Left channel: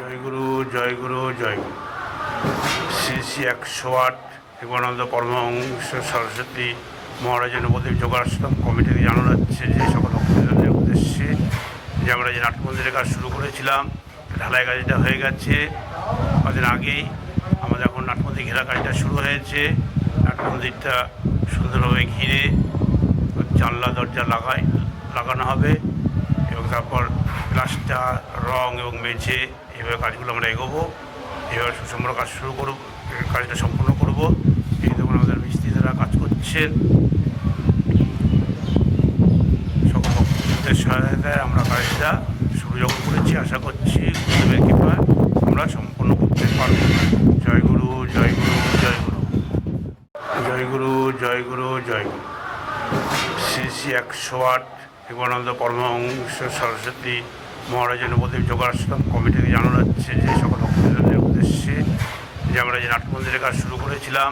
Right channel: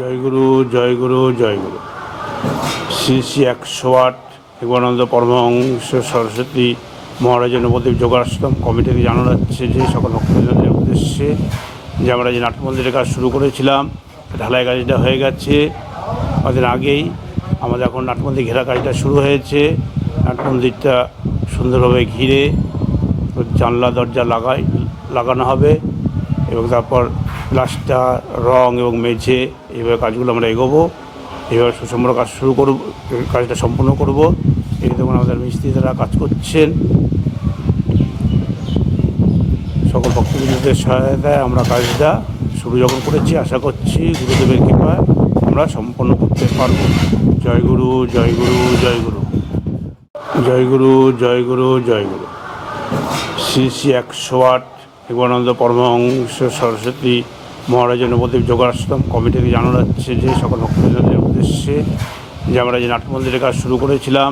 জয়গুরু জয়গুরু জয়গুরু শ্রী শ্রী 108 যোগানন্দ পরমহংস সরস্বতী মহারাজ নবদ্বীপ যোগাশ্রম committee থেকে জানানো যাচ্ছে যে সকল ভক্তদের উদ্দেশ্যে যে আমরা যে নাট্য মন্দিরের কাজ শুরু করেছিলাম ঢালাই কাজটা হয়ে গেছে কদিন আগেই। আমাদের এখন নাট্য মন্দির ঘেরা কাজটা শুরু হয়েছে। নাট্য মন্দিরটা সুন্দরভাবে ঘিরে জানলা দরজা লাগানো হবে এবং তারপর প্লাস্টার রং এবং মেঝে এইভাবে কাজগুলো আমরা এগোবো। এইভাবে সুষম কাজ শুরু করব, কাজটা সম্পূর্ণ করব। এই দেখুন আমাদের মিস্ত্রিরা কাজ করছেন। সকল ভক্তবৃন্দদের সহায়তায় আমরা কাজটা শুরু যখন করেছি, আশা করছি গুরুদেবের কৃপায় আমরা সম্পন্ন করতে পারব। জয়গুরু জয়গুরু জয়গুরু জয়গুরু জয়গুরু জয়গুরু শ্রী শ্রী 108 যোগানন্দ পরমহংস সরস্বতী মহারাজ নবদ্বীপ যোগাশ্রম কমিটি থেকে জানানো যাচ্ছে যে সকল ভক্তদের উদ্দেশ্যে যে আমরা যে নাট্য মন্দিরের কাজ শুরু করেছিলাম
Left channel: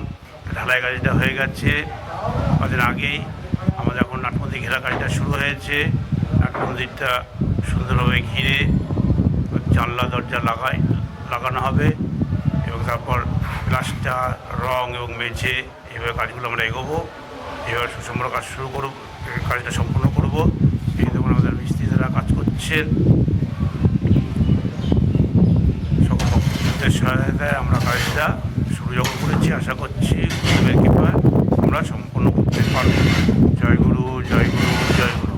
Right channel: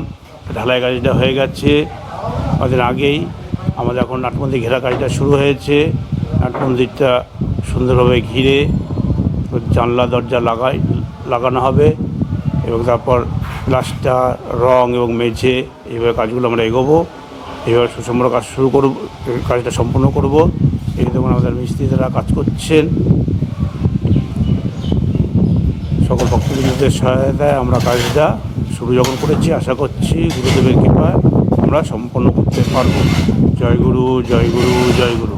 ঢালাই কাজটা হয়ে গেছে কদিন আগেই। আমাদের এখন নাট্য মন্দির ঘেরা কাজটা শুরু হয়েছে। নাট্য মন্দিরটা সুন্দরভাবে ঘিরে জানলা দরজা লাগানো হবে এবং তারপর প্লাস্টার রং এবং মেঝে এইভাবে কাজগুলো আমরা এগোবো। এইভাবে সুষম কাজ শুরু করব, কাজটা সম্পূর্ণ করব। এই দেখুন আমাদের মিস্ত্রিরা কাজ করছেন। সকল ভক্তবৃন্দদের সহায়তায় আমরা কাজটা শুরু যখন করেছি, আশা করছি গুরুদেবের কৃপায় আমরা সম্পন্ন করতে পারব। জয়গুরু জয়গুরু জয়গুরু